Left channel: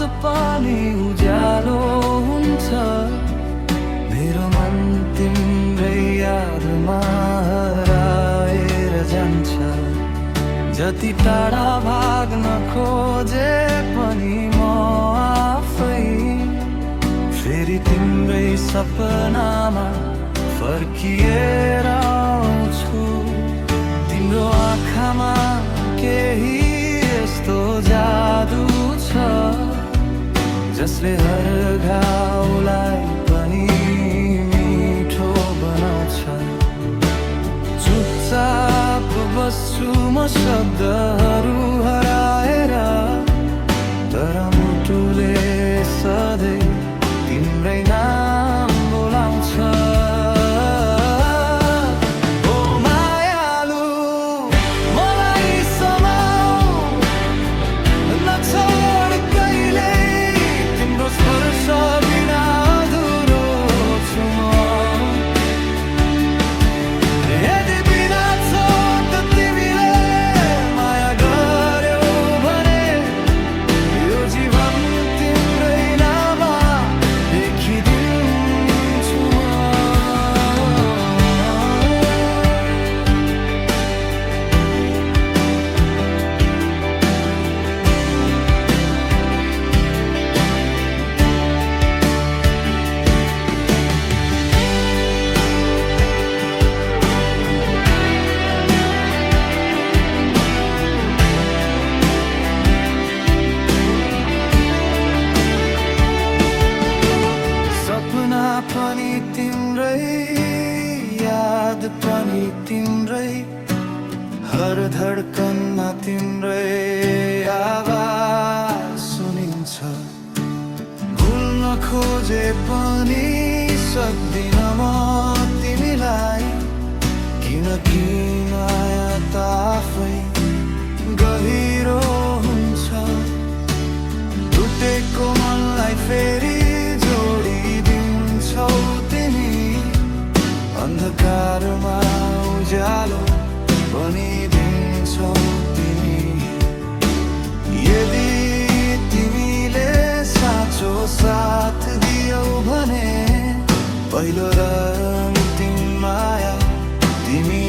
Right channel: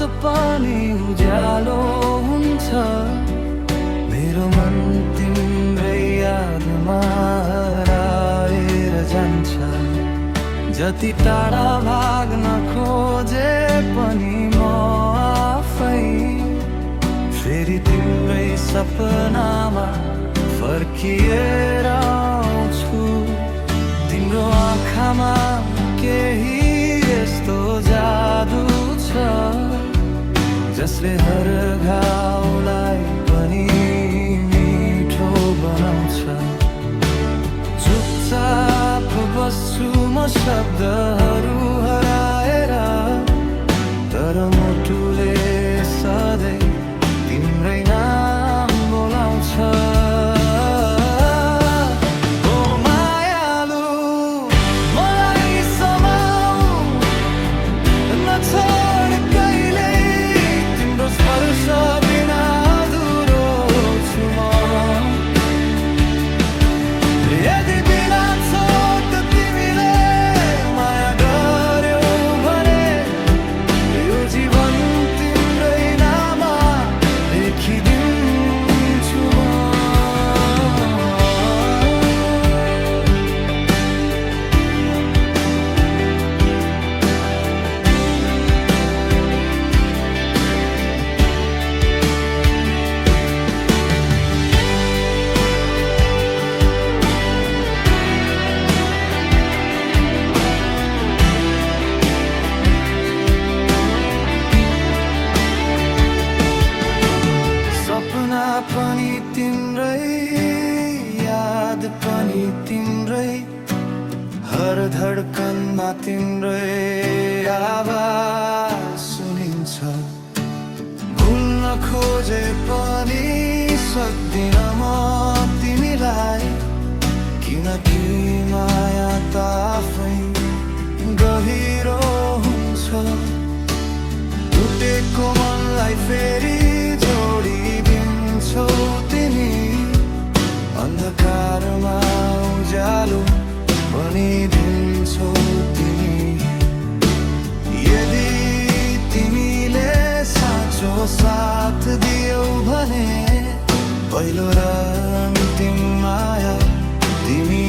रात पनि उज्यालो हुन्छ। मेरो मन तिम्रै यादमा हराएर जान्छ। जति टाढा भाग्न खोजे पनि म आफै फेरि तिम्रै सपनामा फर्किएर आउँछु। तिम्रो आँखामा केही यस्तो जादु छ जसले हर घाउलाई पनि मिठो बनाउँछ। चुपचाप बस्छु म शब्दहरू हराएर, तर मुटुले सधैँ तिम्रै नाम बोलाउँछ। ओ मायालु मलाई समाऊ, नछोड कहिल्यै, तिम्रो स्पर्श बिना अधुरो छु म। यदि बिना छोड तिमीले माया गर्यौ भने यो जीवन तिम्रै नाममा लेखिदिन्छु म। सपना पनि तिम्रै, याद पनि तिम्रै, हर धड्कनमा तिम्रै आवाज सुनिन्छ। भुल्न खोजे पनि सक्दिन म तिमीलाई, किनकि माया त आफै गहिरो हुन्छ। टुटेको मनलाई फेरि जोडिदिन्छौ तिमी, अन्धकारमा उज्यालो बनिदिन्छौ तिमी। यदि तिमीले साँचो साथ दियौ भने पहिलो र अन्तिम माया तिमी